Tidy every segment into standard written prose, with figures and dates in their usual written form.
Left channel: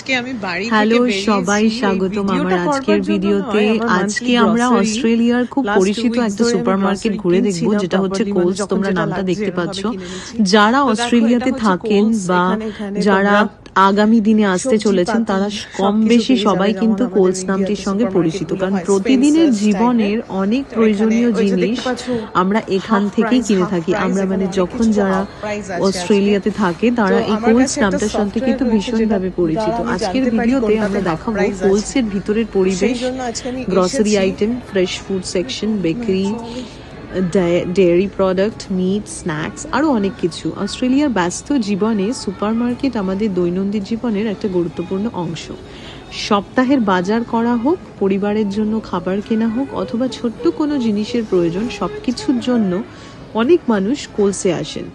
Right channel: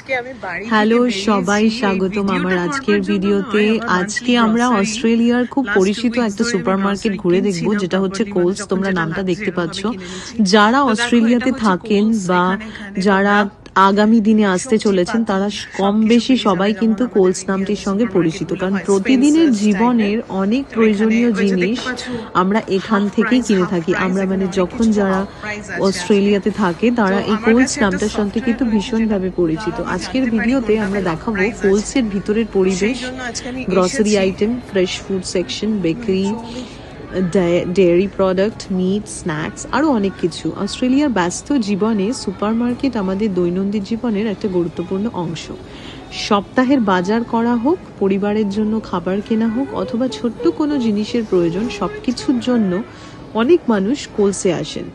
আজকে আমি বাড়ি থেকে হ্যালো বেরিয়েছি, সবাই, এই স্বাগতম আমার ভিডিওটা আজকের করবার জন্য ভিডিওতে। নয়, আমার আজকে monthly আমরা grocery অস্ট্রেলিয়ার খুব last 2 পরিচিত weeks একটা ধরে আমি সুপারমার্কেট grocery ঘুরে দেখব, কিনছিলাম যেটা হচ্ছে properly, কোলস। যখন তোমরা যেটা নামটা লাগছে দেখতে এভাবে পাচ্ছ। কিনে নিচ্ছি। যারা তো দেখো, অস্ট্রেলিয়াতে এটা হচ্ছে থাকেন Coles, বা এখানে যারা তোমরা আগামী দিনে আসতে সবজি চলেছেন, তারা পাতি কম সবকিছু বেশি পেয়ে সবাই যাবে, কিন্তু যেমন কোলস আমাদের নামটির ইন্ডিয়াতে সঙ্গে পরিচিত, সুপারমার্কেটগুলো কারণ হয়, প্রতিদিনের Spencer's জীবনের টাইপের। অনেক তো এখানে প্রয়োজনীয় ওই যে জিনিস দেখতে পাচ্ছ আমরা এখান হাফ থেকেই প্রাইস, কিনে হাফ থাকি। প্রাইস, আমরা এখানে মানে অনেক যখন কিছু যারা হাফ প্রাইস আছে আজকে। অস্ট্রেলিয়াতে থাকে তারা তো এই আমার কোলস কাছে একটা নামটার সাথে সফটওয়্যার কিন্তু রয়েছে, ভীষণভাবে যেটা পরিচিত। দ্বারা আমি আজকের জানতে পারি ভিডিওতে কোনটাতে আমরা হাফ দেখাবো প্রাইস আছে। কোলসের ভিতরের সেই পরিবেশ, জন্য আজকে আমি গ্রসারি এসেছি। Item, fresh food section, bakery, dairy product, meat, snacks, আরও অনেক কিছু। অস্ট্রেলিয়ার ব্যস্ত জীবনে সুপারমার্কেট আমাদের দৈনন্দিন জীবনের একটা গুরুত্বপূর্ণ অংশ। সপ্তাহের বাজার করা হোক, পরিবারের জন্য খাবার কেনা হোক, অথবা ছোট্ট কোনো জিনিসের প্রয়োজন, সবকিছুর জন্য অনেক মানুষ কোলসে আসেন।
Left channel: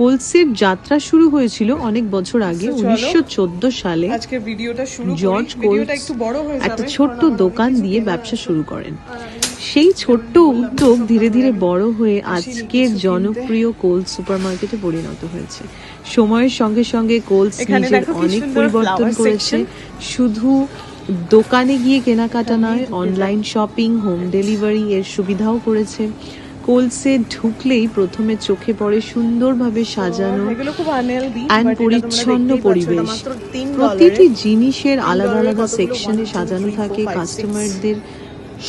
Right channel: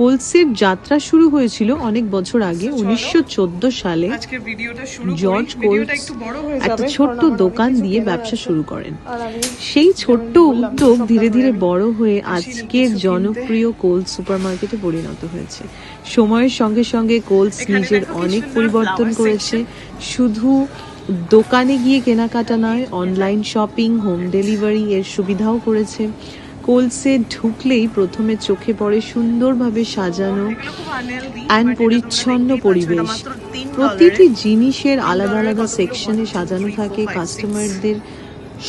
কোলসের যাত্রা শুরু হয়েছিল অনেক বছর আগে, 1914 সালে। আজকের ভিডিওটা শুরু জর্জ করি। কোলস ভিডিওটা একটু বড় হয়ে যাবে, একটা ছোট্ট কারণ আমার দোকান অনেক কিছু দিয়ে কেনার ব্যবসা আছে। শুরু করেন। আর আমি সেই ছোট্ট যেমন বললাম, উদ্যোগ সপ্তাহ ধীরে ধীরে ধরে বড় হয়ে আসিনি আজকের কিছু কিনতে। জনপ্রিয় কোলস সুপারমার্কেটে পরিণত হয়েছে। সময়ের সঙ্গে সঙ্গে কোলস এখানে নিজের দেখো কি অনেক সুন্দর পরিবর্তন flower করেছে। section। শুধু দোকানে গিয়ে কেনাকাটা নয়, অনলাইন শপিং, হোম ডেলিভারি এর সুবিধাও করেছে। কোলসে ঢুকলেই প্রথমে চোখে পড়ে সুন্দরভাবে সাজানো এগুলো খুব unhealthy, অ্যান্ড but এটা তোমরা পরিচ্ছন্ন দেখতেই পাচ্ছ, এটা পরিবেশ। মাত্র $3 প্রতিটি জিনিসের আলাদা $3 আলাদা কতগুলো সেকশনে 1, 2, সাজানো 3, 4, থাকে। 5, 6। কাস্টমারদের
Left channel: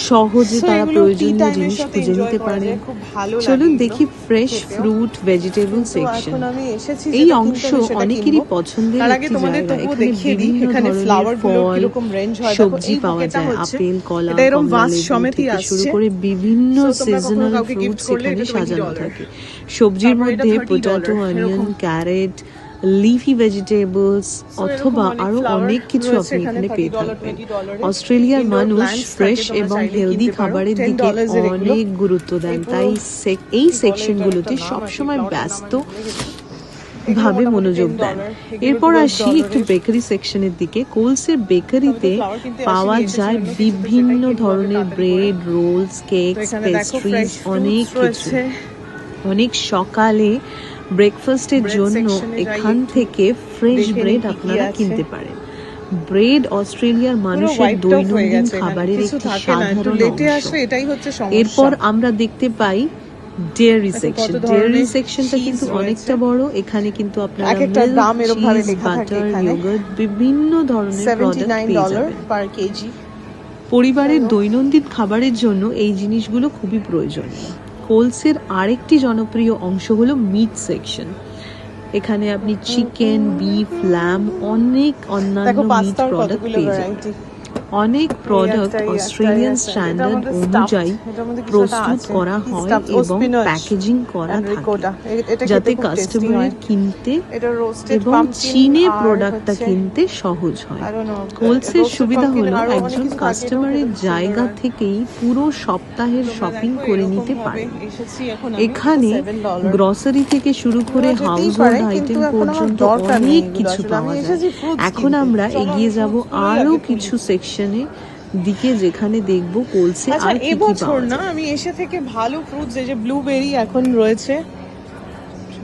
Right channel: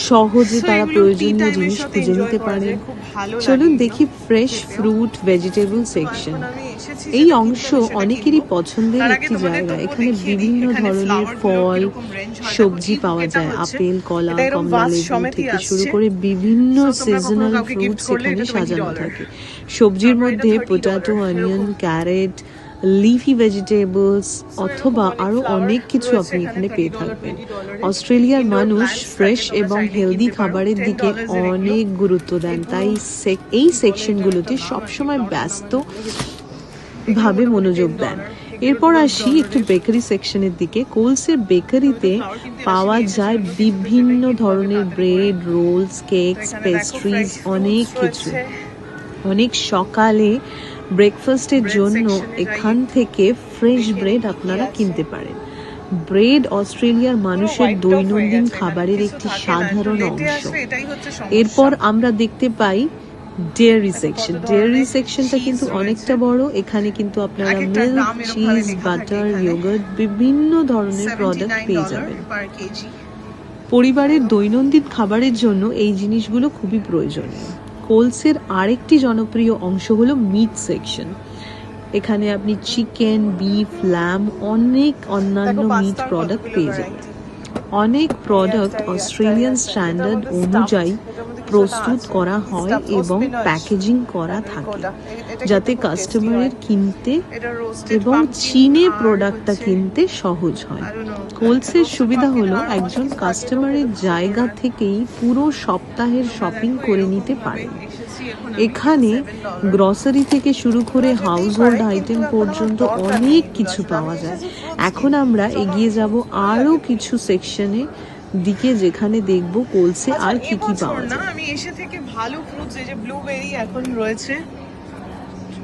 সহজে So তারা এগুলো tea প্রয়োজনীয় time এর জিনিস সাথে খুঁজে enjoy নিতে করা পারেন। যায়, খুব ভালো লাগে চলুন এগুলো দেখি ফ্রেশ খেতেও। ফ্রুট, ভেজিটেবল তো সেকশন। এখন আমি এসেছি এই যেটা অংশ কিনতে, আমি সেটা অনেকেরই কিনবো। পছন্দের তার আগে একটি তোমাদের জায়গা। তবুও এখানে দেখিয়ে দিই বিভিন্ন এখানে ধরনের flower গুলো ফল, কিরকম range হয়। দেখো, সবজি এই পাওয়া বুকেটা যায়। হচ্ছে, আপেল, কলা, এটা এরকম কমলা vast লেবু সমেতই থেকে শুরু আসছে। করে বিভিন্ন So তোমরা কখনো সিজনাল কাউকে gift ফ্রুটস করলে এখানে এটা সাজানো $20। থাকে। সবজির তারপর এটা মধ্যে $30, পোটাটো, অনিয়ন, এরকম। ক্যারেট, লিফি ভেজিটেবলস অথবা আরো flowers অনেক কিছু রয়েছে আপনি এখানে পেয়ে $30, থাকবেন। $20 অস্ট্রেলিয়ার Indoor মানুষ plants ফ্রেশ থাকে, তোমরা এবং চাইলে হেলদি কিনতে পারো। খাবারের দিকে $10 এর এগুলো। অনেক গুরুত্ব দেন, এই পুরো তাই এই কি বলে সেকশনগুলোতে এটার একটা নাম আছে, সবসময় flower টার নাম ব্যস্ত আমি ভুলে গেছি। এগুলো ভাবে মোটামুটি মনোযোগ $10, দেন। এগুলো এরপর আসি $12 একটু এর। বেকারি সেকশনের দিকে। কোলসের বেকারিতে আমি তো flower কিনতে পাওয়া আসিনি, যায় এসেছি অন্য কিছু, তো বিভিন্ন সেটাই কিনবো আমি ধরনের তাড়াতাড়ি করে। ব্রেড, রোলস, তো কেকস, এখানে দেখো পেস্ট্রিজ, fresh fruits অনেক কিছু। রয়েছে। অনেক সকালে ব্রেকফাস্টের Bread জন্য section এ যাই এখান একটু, থেকে ফ্রেশ দেখে নিই ব্রেড কি কি আপনারা আছে। কিনতে পারেন। ব্রেড অস্ট্রেলিয়ার পুরো মানুষের white top হয়ে দৈনন্দিন গেছে, খাবারের কিছু একটি থাকে না, একটু সাধারণ লেটে অংশ। আসে, এটাই হচ্ছে এরপর সমস্যা। আমরা দেখতে পাই ডেয়ারি দেখো সেকশন। কত ডেয়ারি ধরনের সেকশনটা cheese কিন্তু রয়েছে। অনেকটা বড়। এখানে কিন্তু আপনারা এক একটার মিল্ক, দাম এরকম ভাবে চিজ, লেখা থাকে বাটার, এখানে। ইয়োগার্ট, বিভিন্ন ধরনের প্রোডাক্ট পেয়ে যাবেন। $79 per kg। পরিবারের দৈনন্দিন খাবারের জন্য এই জিনিসগুলো খুবই প্রয়োজনীয়। কোলসের আরেকটি জনপ্রিয় অংশ হলো মিট সেকশন। এখানে আপনি চিকেন, বিফ, ল্যাম, অনেক অন্যান্য দেখো মিট পাস্তার প্রোডাক্ট কতগুলো পেয়ে যাবেন। ভ্যারাইটি। অনেক প্রোডাক্ট এই অস্ট্রেলিয়ান একটা, স্ট্যান্ডার্ড এটা আমাদের অনুযায়ী stuffed, এটার মধ্যে কিছু প্রস্তুত একটা আছে। করা হয় Stuffed এবং spinach, প্যাকেজিং করা থাকে, এটা খেতে যাতে খুব tasty কাস্টমারের হয়। কিনতে এটা roasted এবং pumpkin চিনে আর প্রোডাক্টটা হচ্ছে, কিনতে সহজ হয়। I don't know, কোলসের roasted সুবিধা pumpkin হলো আর ওখানে একজন কিছু কাস্টমারের packet জায়গা sugar। থেকেই পুরো সপ্তাহের তোমরা শপিং দেখো করে এরকম নিতে ভাবে পারেন। এসেছি এখন আমি, এখানে $7। গ্রসারি থেকে শুরু করে এগুলো যেতেই হাউস পারে, হোল্ড কিন্তু আইটেম এখন আমার পর্যন্ত দরকার নেই অনেক এগুলো কিছু আসলে। পাওয়া আমি যায়। এসেছি fruits এখন কিনতে। আমরা চলো এগিয়ে আমি যাব fruits আরো আগে কিছু কিনি। সেকশনে দিকে, যেখানে দেখব কোলসে আচ্ছা, আর কি কি এবছর পাওয়া না যায়। আমি এসে থেকে ভালো ফ্রুটস, এই যে ব্লুবেরি এখন রয়েছে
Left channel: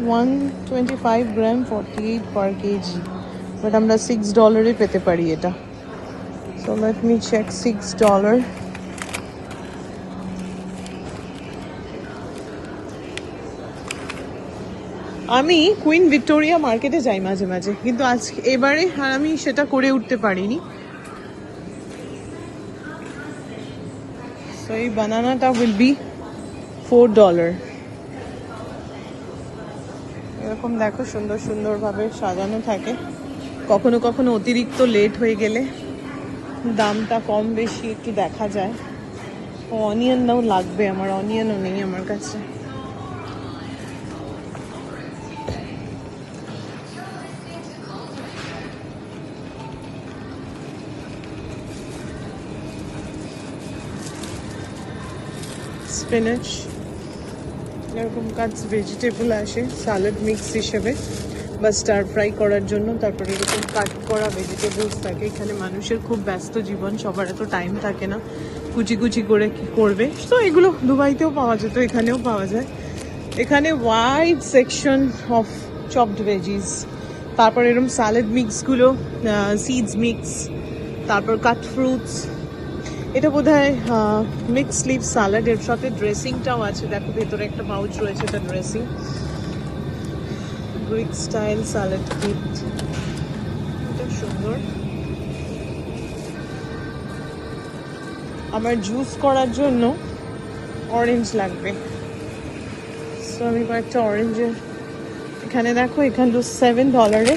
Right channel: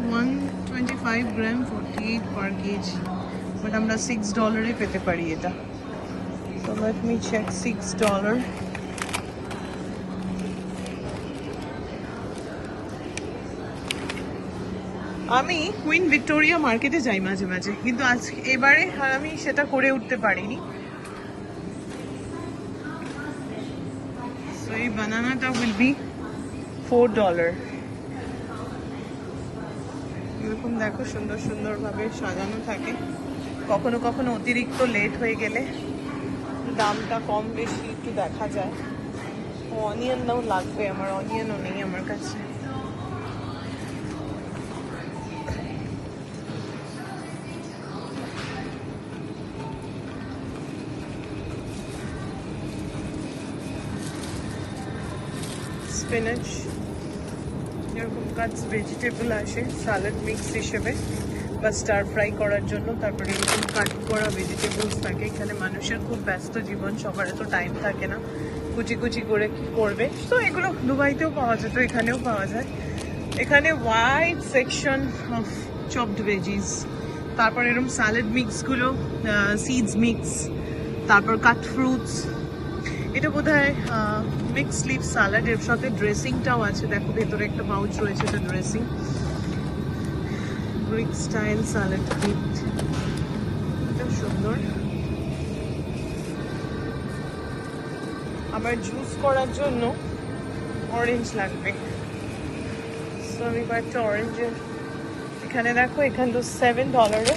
125 গ্রাম 48 per kg, বাট আমরা $6 পেতে পারি এটা। So let me check $6। আমি কুইন ভিক্টোরিয়া মার্কেটে যাই মাঝে মাঝে, কিন্তু আজকে এবারে আমি সেটা করে উঠতে পারিনি। So এই বানানাটা will be $4। এরকম দেখো সুন্দর সুন্দর ভাবে সাজানো থাকে। কখনো কখনো অতিরিক্ত লেট হয়ে গেলে দামটা কম বেশি একটু দেখা যায়। অনিয়নও লাগবে আমার, অনিয়নও নেই আমার কাছে। স্পিনাচ, এরকম কাজ ভেজিটেবল আসে সালাদ মিক্স হিসেবে বা স্টার ফ্রাই করার জন্য। তারপরে এরকম কাট করা ভেজিটেবলস থাকে। এখানে মানুষের খুব ব্যস্ত জীবন, সবার এত টাইম থাকে না কুচি কুচি করে কি করবে। তো এগুলো দুবাইতেও পাওয়া যেত, এখানেও পাওয়া যায়। এখানে wide section of chopped veggies, তারপর এরকম স্যালাড মিক্সগুলো, সিডস মিক্স, তারপর কাট ফ্রুটস। এটা বোধহয় মিক্স লিভ স্যালাড, এর সাথে ড্রেসিংটাও আছে। দেখো ভেতরে একটা পাউচ রয়েছে, এটা dressing. Greek style salad kit, এটা সুন্দর। আবার জুস করার জন্য অরেঞ্জ লাগবে, আমি কয়েকটা অরেঞ্জের এখানে দেখো, এখানে তো $7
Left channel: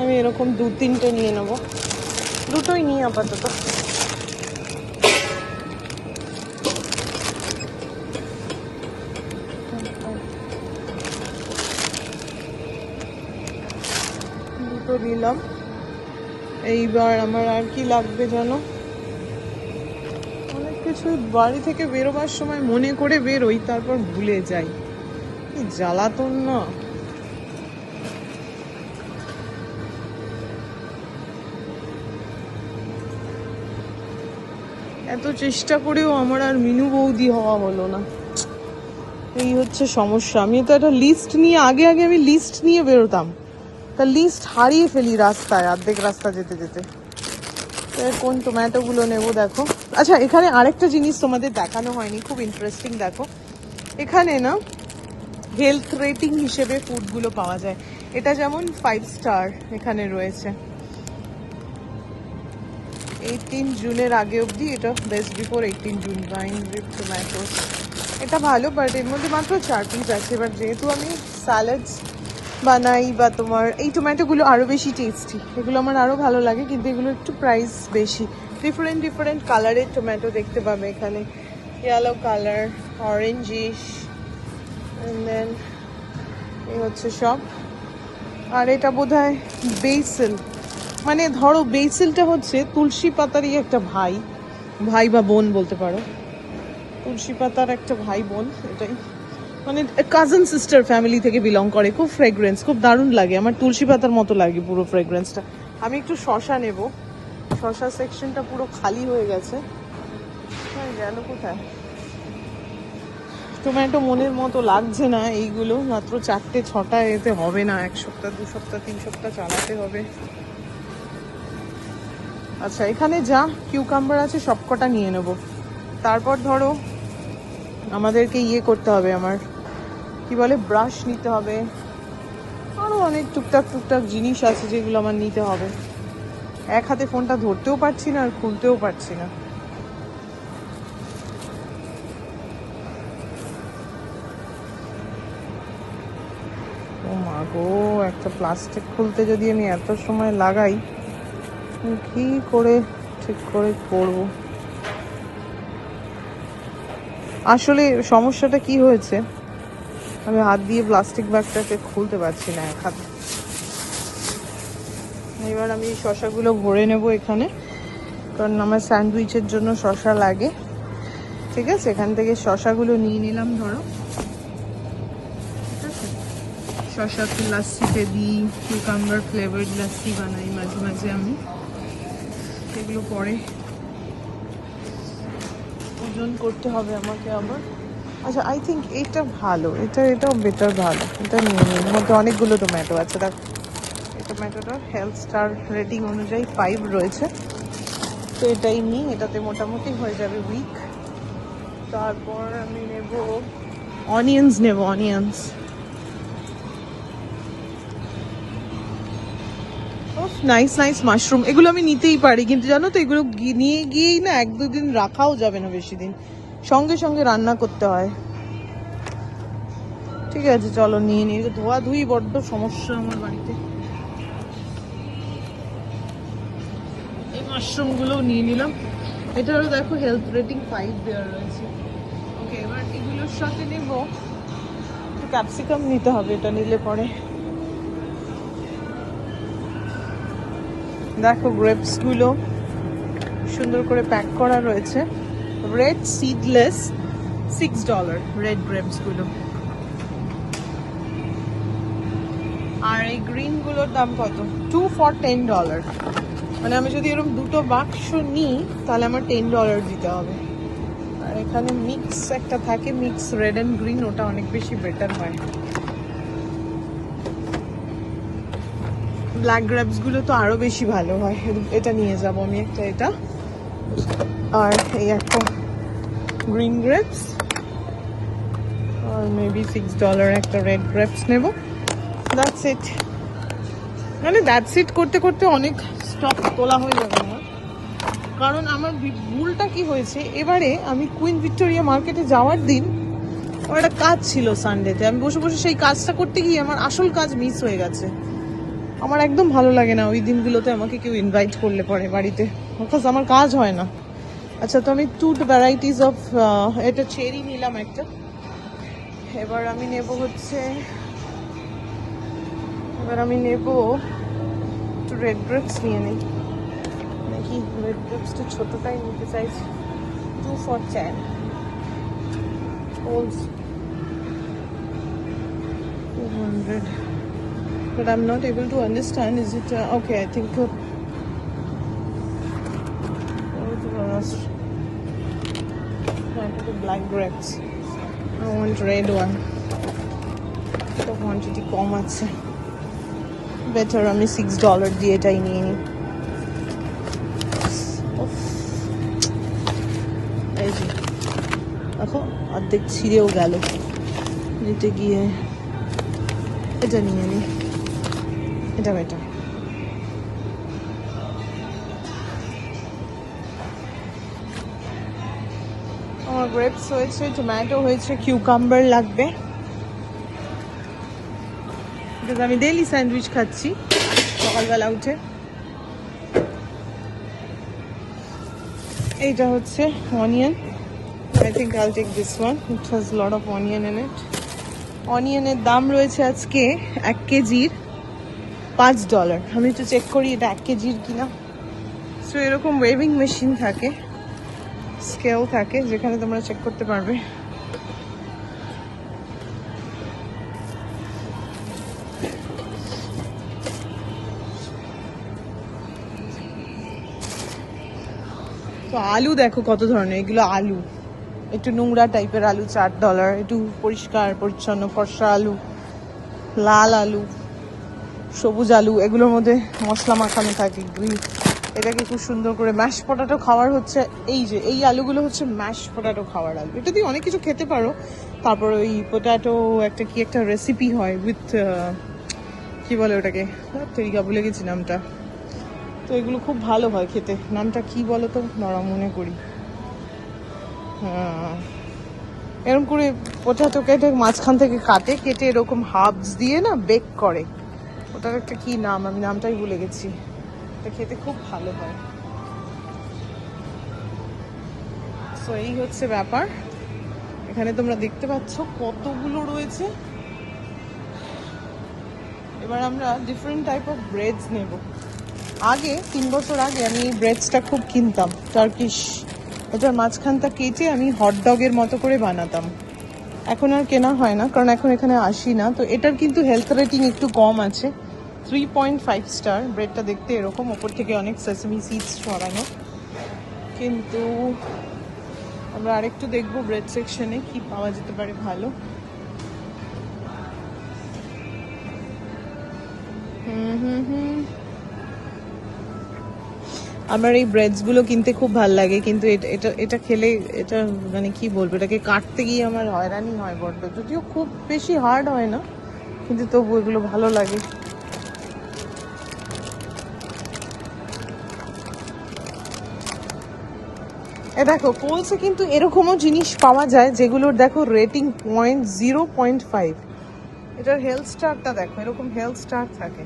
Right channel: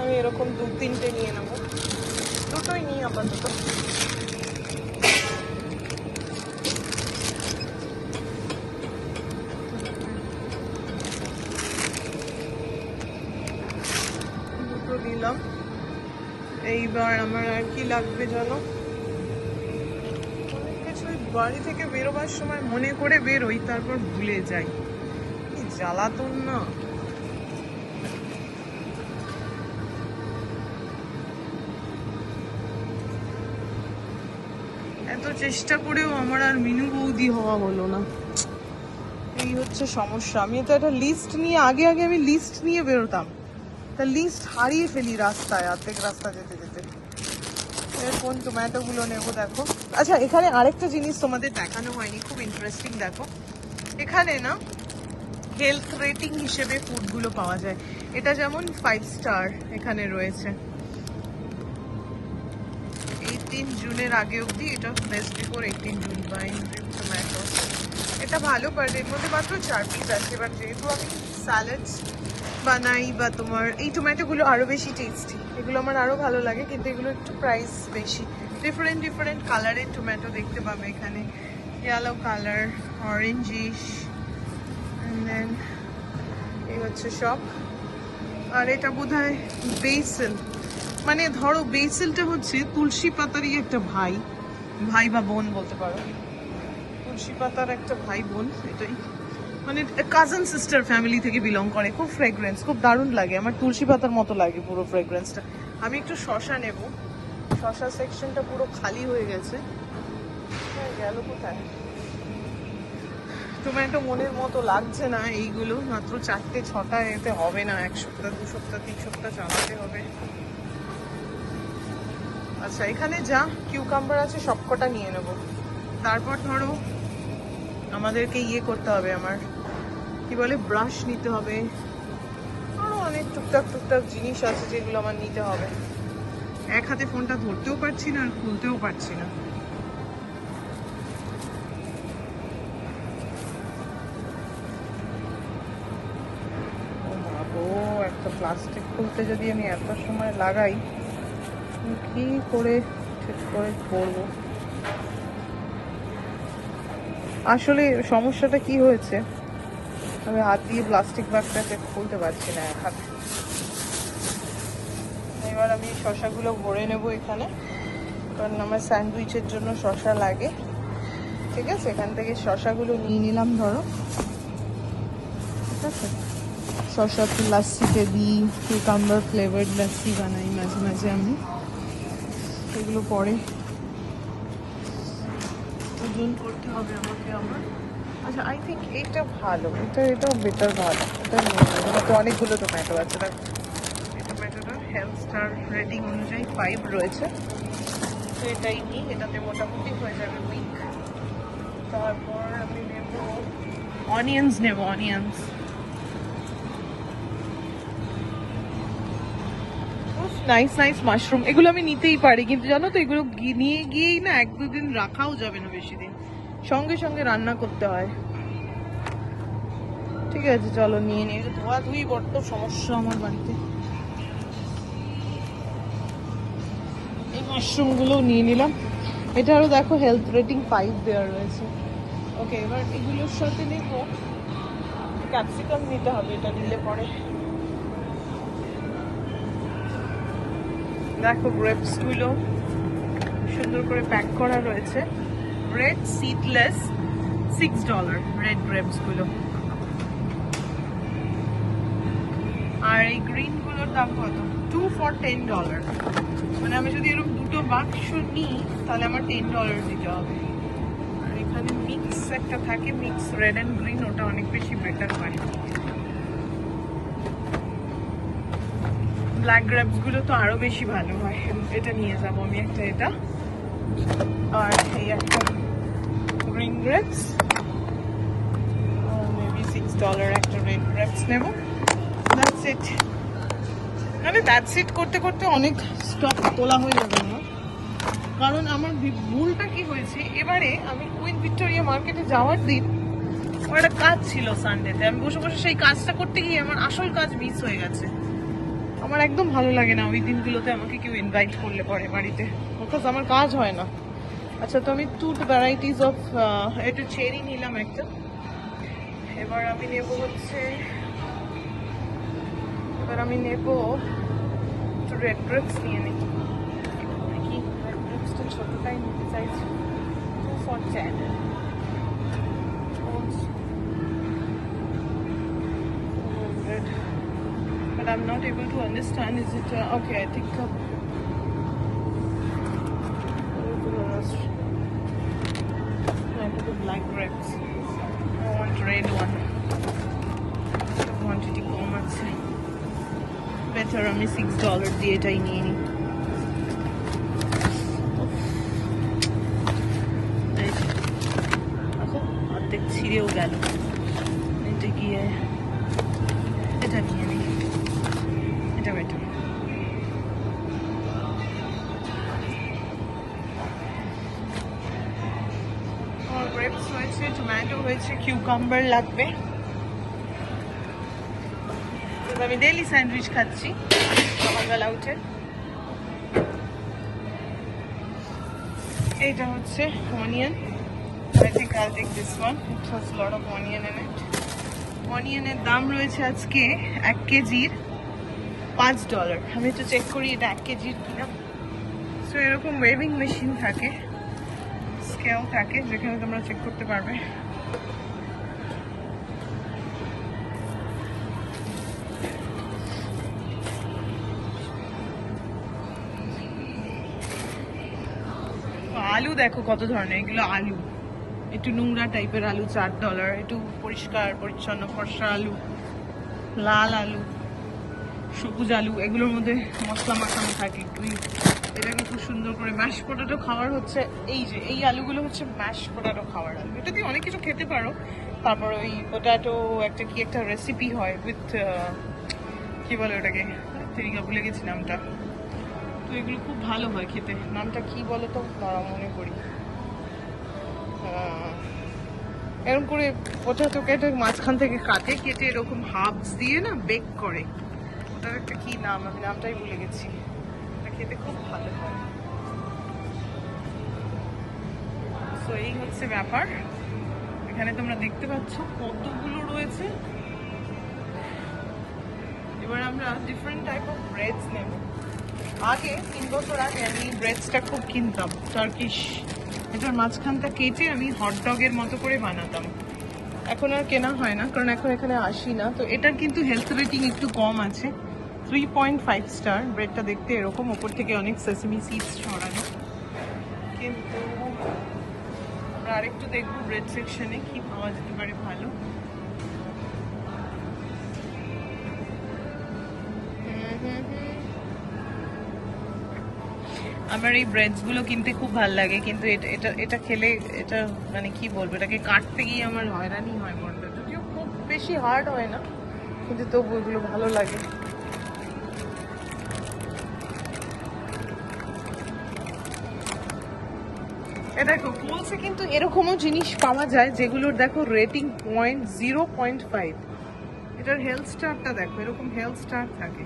আমি এরকম 2-3টে নিয়ে নেবো, দুটোই নিয়ে আপাতত। দুটো নিলাম। এইবার আমার আর কি লাগবে জানো, কিছু বাড়ি থেকে বেরোবার সময় মনে করে বেরোই, তারপর ভুলে যাই, কি জ্বালাতন না। এত চেষ্টা করেও আমার আর মিনু বৌদি হওয়া হলো না, এই হচ্ছে সমস্যা। আমি তো একটা লিস্ট নিয়ে আগে আমি লিস্ট নিয়ে বেরোতাম, তা লিস্ট হারিয়ে ফেলি রাস্তায়, অর্ধেক রাস্তা যেতে যেতে। কোন টমেটোগুলো নেবো দেখো। আচ্ছা, এখানে আরেকটা জিনিস তোমাদের দেখানো হয়নি, খুব ইন্টারেস্টিং। দেখো এখানে না হেলথ রেটিং হিসেবে ফুডগুলো পাওয়া যায়। এটা যেমন 5 স্টার এখানে রয়েছে। 18 জুনের আগে অবধি, এটা বেস্ট বিফোর 18 জুন। টমেটো এটা ভালো, বাট এর মধ্যে মাত্র 4 পিস আছে। এবার যেহেতু আমি স্যালাডস বানাই, বা তোমার এই টমেটোগুলো আরও বেশি টেস্টি, এগুলো আমার আরও ভালো লাগে, কিন্তু এগুলো একটু প্রাইস বেশি। ডিফারেন্ট কালারের টমেটো দেখতে পাবে এখানে, yellow colour, orangish, and then এই হচ্ছে সব। আর এটা বোধহয় বেসিল, মানে ধরো বেসিলটা হচ্ছে তুলসী পাতারই একটা ভাই বা বোন বলতে পারো, তুলসী পাতার একটা ভাই বোন। এটাই মানে কাজিন সিস্টার ফ্যামিলি থেকে বিলং করে। খুব ফ্রেগ্রেন্স, খুব দারুণ লাগে আমার, তুলসী পাতার মতো লাগে পুরো ফ্রেগ্রেন্সটা। আমি একটু শশা নেব, শশা সেকশনটা পুরো খালি হয়ে গেছে। টমেটো মনের মতো লাগছে না, এইগুলো মাত্র 4-6টা এতে হবে না, 1 সপ্তাহ 2 সপ্তাহ 3 সপ্তাহ চালাতে হবে। আচ্ছা, এখানে যা কিউকাম্বার আছে সবকটা নিয়ে নেব। তারপর ধরো আমাদেরকে ইয়ে করতে হবে, আমার কি বলে ব্রাশ নিতে হবে, আরও অনেক টুকটাক জিনিস আছে যেগুলো আমার নিতে হবে। এক হাতে ফোনটা ধরতেও পারছি না আর খুলতেও পারছি না। একটা প্লাস্টিক খুলতে যদি আমি এত সময় লাগাই, কি করে ঠিক করে করবো? আসলে সমস্যাটা কি হয়েছে, আমি হাত দিয়ে প্লাস্টিক ব্যাগটাকে খুলতে পারছি না এক হাতে। এবার আমি শসাগুলো ভরে নেব এখানে, কারণ আমার স্যান্ডউইচের জন্য শসা লাগে। ঠিক আছে, এখান থেকে শসাগুলো নিয়ে নিলাম ধরো। ঠিক আছে, শসা তো লাস্সিতে দিই, কিউকাম্বার ফ্লেভার্ড লাস্সি বানাই মাঝে মাঝে আমি, এগুলো পরে ওজন করতে হবে আমাকে আবার। আচ্ছা, আই থিঙ্ক এইটা ভালো, এটাও বেটার, ভালো। এটা নিয়ে নেব, এটা অনেকগুলো টমেটো আছে। দেখ টমেটোটা হেলথ স্টার রেটিং অনুযায়ী 5 রয়েছে, তো এটাই নিই, এটাতে মোটামুটি হয়ে যাবে উইক। তারপর আমি নেব অনিয়ন্স, নাইস মাশরুম। এগুলো আমি নিতেই পারি, কিন্তু জানো তো এগুলো নিয়ে গিয়েই না 1-2 দিন রাখাও যাবে না বেশি দিন, সঙ্গে সঙ্গে রান্না করতে হয়। ঠিক আছে, চলো নিয়ে নিই। ধোয়াধুয়ি বড্ড সমস্যা আমার বাড়িতে। এই মাশরুমগুলোও নিয়ে নিলাম, এটারও দেখো হেলথ রেটিং 5 দেওয়া রয়েছে। ওকে, এবার এগুলোর সাথে নেব ক্যাপসিকাম, নিতে হবে এটা নিলে পরে। দেখো গ্রেপসগুলো সুন্দর করে প্যাক করা রয়েছে, রেড সিডলেস, $6 রেড গ্রেপসগুলো। আর এই গ্রিনগুলোর দাম কত? 2 for $10। মানে আমি যদি এরকম দুটো বাক্স নিই তাহলে আমার $10 দিতে হবে। আর এখানে মিক্স একটা থাকে, মিক্স রেড অ্যান্ড গ্রিন, ওটা অনেক বেশি বেটার হয়। ব্ল্যাক গ্রেপস গুলো তো আরো বেশি ভালো হয়। এটা নিয়ে যাবো আমি একটা, এটা আর এই একটা গ্রিন গ্রেপস, মেবি $6 একটা রেড গ্রেপস নেব। That's it. মানে দ্যাটস ইট করতে করতে অনেক স্টক তোলা হয়ে যাবে আমার। কারণ আমার ভুলটা কি হয়েছে, এবারে আমি কুইন ভিক্টোরিয়া মার্কেটে যাওয়ার দিন আমার একটা কাজ ছিল সানডেতে, আমি বসে বসে সেই কাজটা করতে গিয়ে আমার আসল কাজ মিস হয়ে গেছে। আমার একদম ভালো লাগে না ওই দিনগুলোতে আমাকে কেউ ইনভাইট করলে পরে বাড়িতে, বিকজ আমার কাজ হয় না। আচ্ছা, তো আমি 2 ভ্যারাইটিস অফ, এটা চেরি নিলাম একটা। এবার আমি নেব হচ্ছে, রেড গ্রেপস নিয়ে নিই নাকি, রেড গ্রেপসটা ছোটোটাই নিতে চাইছি, শর্ট চাই। But I'm not able to understand, is it, okay, I think the black grapes. I want red one. The quantity কম আছে, বেটার আমি $6 দিয়ে এটাই নিয়ে নিই। এখন অর্ধেক ছিঁড়েও গেল, নিতে গিয়ে এটা নিয়ে নিই, এটা বেটার। আমার গ্রেপস হয়েছে, টমেটো হয়েছে, কিউকাম্বার লাগবে, আমি ডেইলি স্যান্ডউইচ খাচ্ছি সকালবেলা উঠে। এইটা হচ্ছে onion, I think I'll take this one, it has a lot of onion in it. অনিয়নের দাম রয়েছে আজকে 1 কেজির $5। আমি তো চেক করি এটা 1 কেজির কিনা। সো এরকম ওয়েভিং মেশিন থাকে, স্কেল থাকে, যেখানে তোমরা চেক করতে পারবে। তো আলু দেখো কত ধরনের, এগুলো আলু একটু নোংরা টাইপের আলু $4, একটু পরিষ্কার পরিচ্ছন্ন ফর্সা আলু, লাল আলু, সবুজ আলু, এগুলোর মধ্যে মশলা মাখানো থাকে গ্রিন। এটাকে খুব সুন্দর করে ম্যাশ পটাটো খাওয়ার হচ্ছে, এই যে এই আলুগুলো হচ্ছে ম্যাশ পটাটো খাওয়ার আলু। এটা দিয়ে অনেক কিছু খেতে পারো। তারপর ওই পটাটো একটা কি একটা রেসিপি হয় উইথ, কি বলে ওটাকে, তেরিকা ভুলে গেছি নামটা। তো এগুলো খুব ভালো হয় খেতে, নামটা কি বলো তো, মনে করি। এরকম করে পটাটোকে মাঝখান থেকে কেটে এরকম হাফস দিয়ে না বেক করে, ওটার একটা কি নাম, আমি নামটাই ভুলে গেছি। এটা খেতে খুব ভালো হয়। সো এই হচ্ছে ব্যাপার। এখানে তোমরা দেখতে পাচ্ছ কতগুলো রয়েছে। এবার আমরা ডিফারেন্ট টাইপ অফ ব্রেডস নেব। আগে 3 বছর আগে আমি এই ব্রেডসটা খুব কিনতাম, টার্কিশ। এটার মাঝখানটা কেটে আমি হটডগের মতো করে বানাতাম। এখন আর কেনা হয় না, কারণ এখন এখানে আসি না। তো এটার কিন্তু হেলথ রেটিং একটু কম আছে, 3.5 স্টার। ব্রেডটা দেখতে এরকম, ওপর থেকে অনেক সেসমি সিডস ছড়ানো। কিন্তু আমরা আরেকটু দেখবো ব্রেড সেকশনে কি পাওয়া যেতে পারে ভালো। আমার এই ব্রেডসগুলো কিনতে খুব ভালো লাগে, কিন্তু এটা খেলে, এটা মানে কি বলবো, এটাকে কাটতে গিয়ে আমার হয়রানি হয় বড্ড। যদিও খুব বেশি হার্ড হয় না, কিন্তু তবু এগুলো ভালো লাগে। দেখো কোলসে কিন্তু এরকমও জিনিস পাওয়া যায় যেগুলোর দেখো রেটিং 0.5। এটার হেলথ স্টারটা দেখো, এরকম হেলথ স্টার থাকে।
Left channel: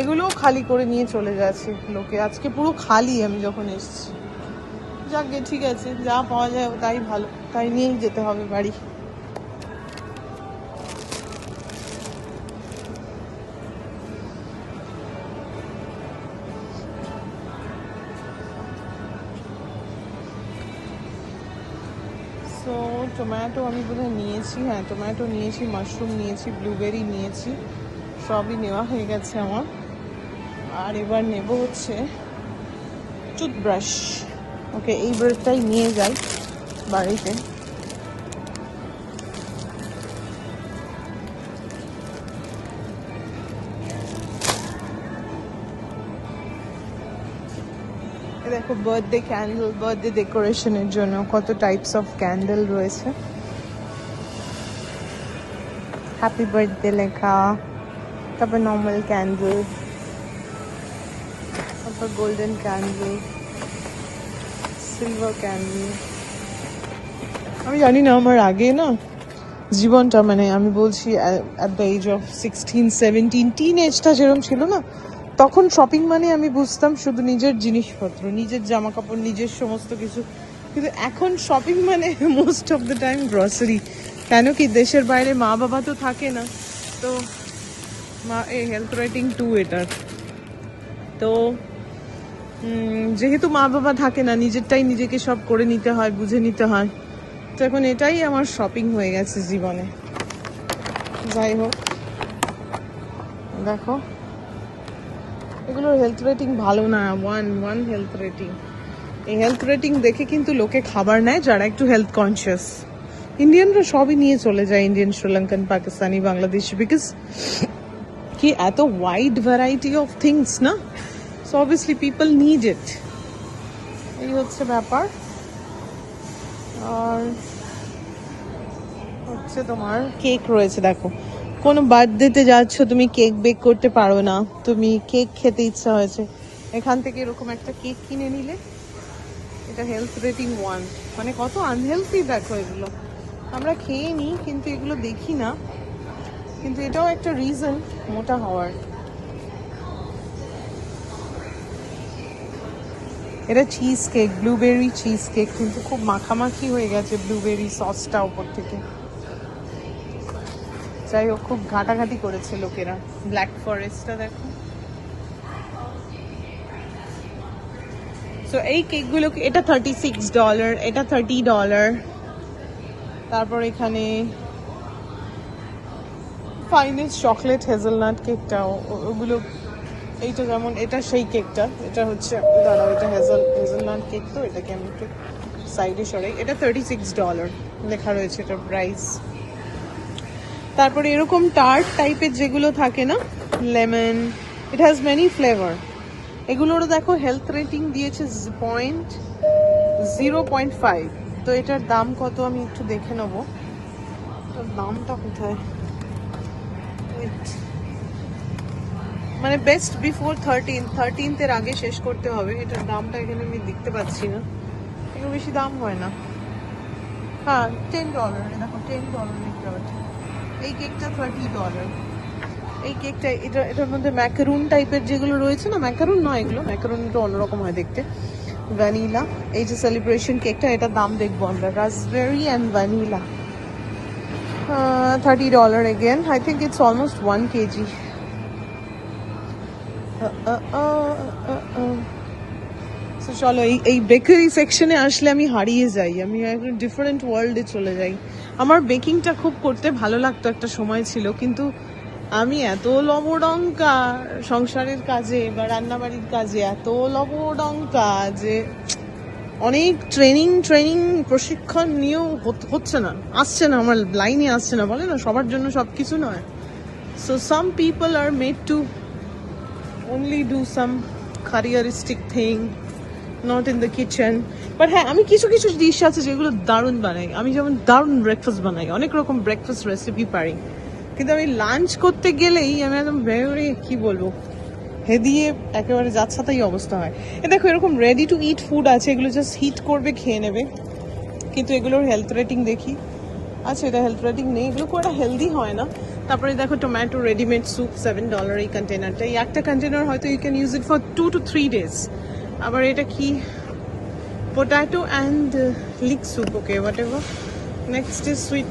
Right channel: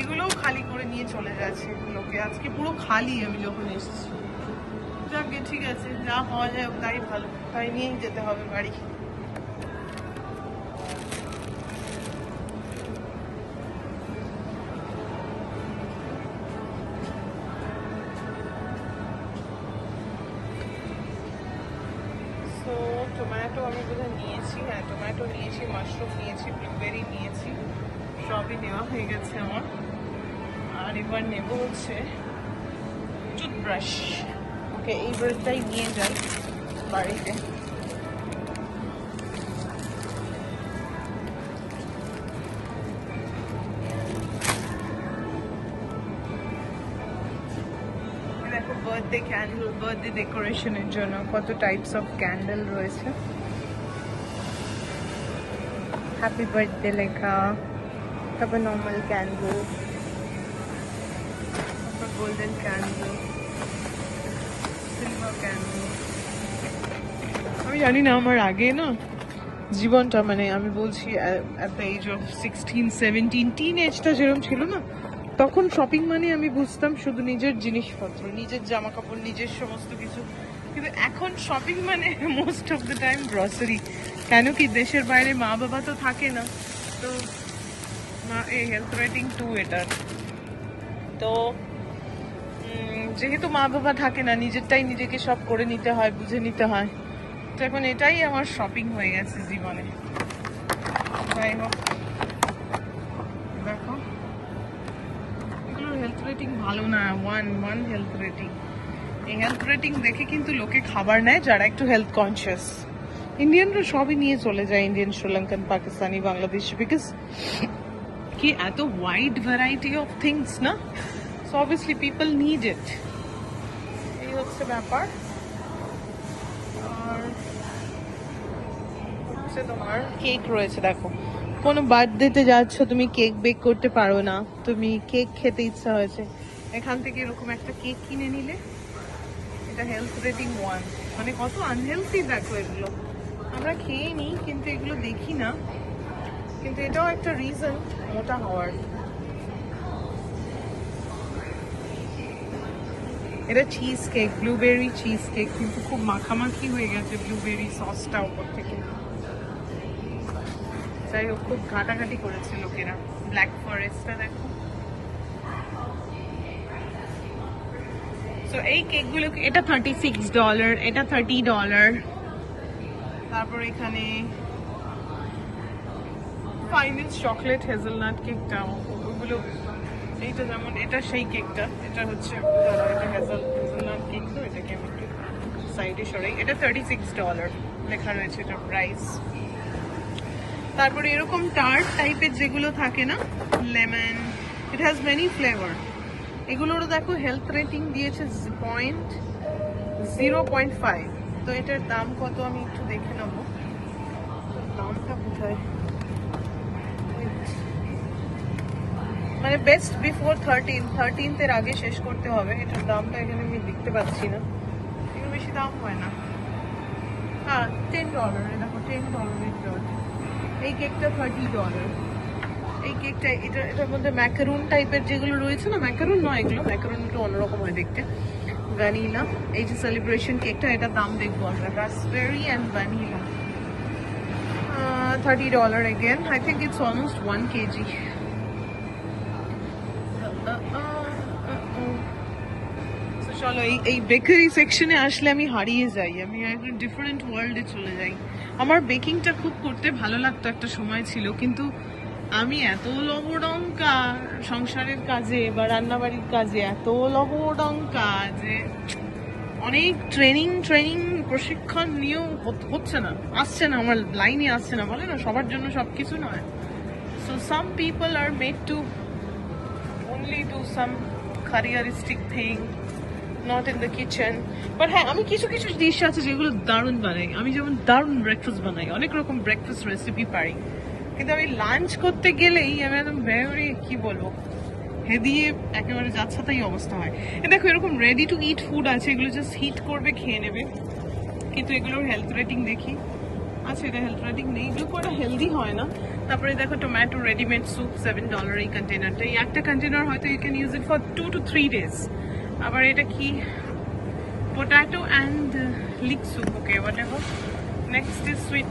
এগুলোও খালি করে নিয়ে চলে যাচ্ছে লোকে, আজকে পুরো খালি আমি যখন এসেছি। যাকে ঠিক আছে, যা পাওয়া যায় তাই ভালো, তাই নিয়েই যেতে হবে বাড়ি। টমেটো আমি নিয়েছি, হ্যাঁ টমেটো নিয়েছি, মাশরুম নিয়েছি, ব্লুবেরি নিয়েছি, সবই নেওয়া হয়ে গেছে আমার। আর এবার নেব হচ্ছে টুথব্রাশ। ওকে, এই ব্রাশটাই নিয়ে যাই বাড়িতে। দেখো বার্থডে ক্যান্ডেল, বার্থডে ডেকোরেশনের জন্য কত টাইপস অফ ক্যান্ডেল রয়েছে। হ্যাপি বার্থডে লেখা, তারপর নর্মাল ক্যান্ডেল, তারপর গোল্ডেন ক্যান্ডেল, সিলভার ক্যান্ডেল। আমি জানি না, আমার আগে না জীবনটা, মানে আমি বলছি at the age of 16-17 teen এজটা যেরকম ছিল না, তখন শপিং মানে আমি বুঝতাম শুধু নিজের জিনিসপত্র, নিজের জামা কাপড়, নিজের সমস্ত কিছু। কিন্তু এখন শপিং মানে most of the time grocery. কেন কি, দেশের বাইরে মা বাবা তো থাকে না, তো মা এই হেলথ রেটিং 2 এটার। তো যেহেতু মা বাবা থাকে না, নিজেরটাই নিজেকে সব করে নিতে হয়, বুঝে নিতে হয়। তো এখন এটাই আমার শপিং হয়ে গেছে জীবনে। যাই হোক, দেখো এগুলোর হেলথ রেটিং ভালো না, 1 হেলথ রেটিং। এই হেলথ রেটিং দেখে কিন্তু লোকে খাবার নেয় যারা একটু হেলথ কনসিয়াস। ইন্ডিয়ানরা সবই নিয়ে চলে যায়, ইন্ডিয়ান, শ্রীলঙ্কান, পাকিস্তানি, বাংলাদেশি, বিকজ কি এত ওয়াইড ভ্যারাইটি অফ থিংস না, so obviously people need it. এই হচ্ছে ব্যাপার। আর হচ্ছে তোমার কেক রয়েছে, দেখো কোনো বার্থডেতে যাচ্ছ, তুমি কেক বেক করতে পারো না, তুমি কেক খেতে ইচ্ছা হয়েছে, এখান থেকে এরকম একটা কেক কিনে নিলে। এটা হেলথ রেটিং 1, মানে কত আনহেলথি দেখো এগুলো। আমরা খেয়ে নিই কিন্তু এগুলো দেখি না, কিন্তু এটাও একটা রিজন মোটা হওয়ার। এটা cheese cake, blueberry cheese cake, কিন্তু খুব মাখামাখি হয়ে গেছে ব্লুবেরি সসটা উপর থেকে। যাই হোক, খুব ঘাটাঘাটি করেছে লোকেরা। ব্ল্যাক ফরেস্টটা দেখো। তো এই কেকগুলো, এটা $36, এটা $30। তারপর এখানে ফাইনেস্ট চকলেট হেজেলনাট কেকটা, ওগুলো, এইটা যেমন, এটা সেই কেকটা, এটা হচ্ছে দাঁড়াও, এটা হেজেলনাট কেক, তো এটাকে আমি একটু সাইডে সরাই। এটা $36 লেখা রয়েছে এটার প্রাইস। তারপরে এরকম টার্ট টাইপের যেগুলো থাকে না, lemon, it has many flavour. এগুলোরও দেখো হেলথ রেটিং দিয়েছে 0.5। তো এটার দাম কত আমি একটু দেখে নেবো, দামটা কোথায়, মানে বেস্ট বিফোর 13th আগে শেষ করতে হবে। এটার দামটা এখানে আমি দেখতে পাচ্ছি না, একটু বেশি দাম হয় না। হ্যাঁ, $10, দেখো $10। এই কেকটা $30। এই কেকটা, এটার মধ্যে ম্যাকারুন টাইপের যেগুলো রয়েছে না, ম্যাকারুন নয় এগুলো, ম্যাকারুন একটু অন্যরকম হয় দেখতে। ভ্যানিলা, এই যে সেলিব্রেশন কেকটা, এটার দাম দেখবো আমরা, raspberry and vanilla, $30 again. I think it's almost 1 kg. So চলো, এই বেকারি সেকশনে আসলে আমি হারিয়ে যাই, আমি একটা ডিফারেন্ট ওয়ার্ল্ডে চলে যাই। আমার বেকিংটা খুব করতে ভালো লাগতো একটা সময় ছিল, কিন্তু আমি এত লবডঙ্কা সংসারের কাজে বা রান্নাবাড়ির কাজে, এত লবডঙ্কা যে অনেক ট্রেনিং প্রশিক্ষণ নিয়েও হচ্ছে না, আসছে না, আমার লাইনে আসছে না। বলে না, সবার জন্য সব কিছু নয়। So some people are made to only do some careeristic thing, not in the kitchen. But হ্যাঁ, আমি কিছু ডিশ আছে যেগুলো দারুণ বানাই। আমি যেমন দারুণ ব্রেকফাস্ট বানাই, অনেক রকম ব্রেকফাস্ট রেসিপি পারি, কিন্তু আমি লাঞ্চ করতে গেলেই আমি একদম ভেরি, কি বলবো, হেদিয়ে একেবারে যাচ্ছাতাই অবস্থা হয়। দেখো এরকম রেডি টু ইট ফুড আছে, এগুলো জাস্ট হিট করবে, খেয়ে নেবে, কিন্তু এগুলোর হেলথ রেটিং দেখি। আচ্ছা, এটা হেলথ রেটিং নেই, এগুলো খুব একটা হেলদি হয় না। তারপরে দেখো টমেটো রেডিমেড স্যুপ, $7 এই কন্টেনারটা। এই একটা কন্টেনার হয়তো you can use it for 2 to 3 days। আবার এটা কি, potato and leek soup, okay whatever. Next is sweet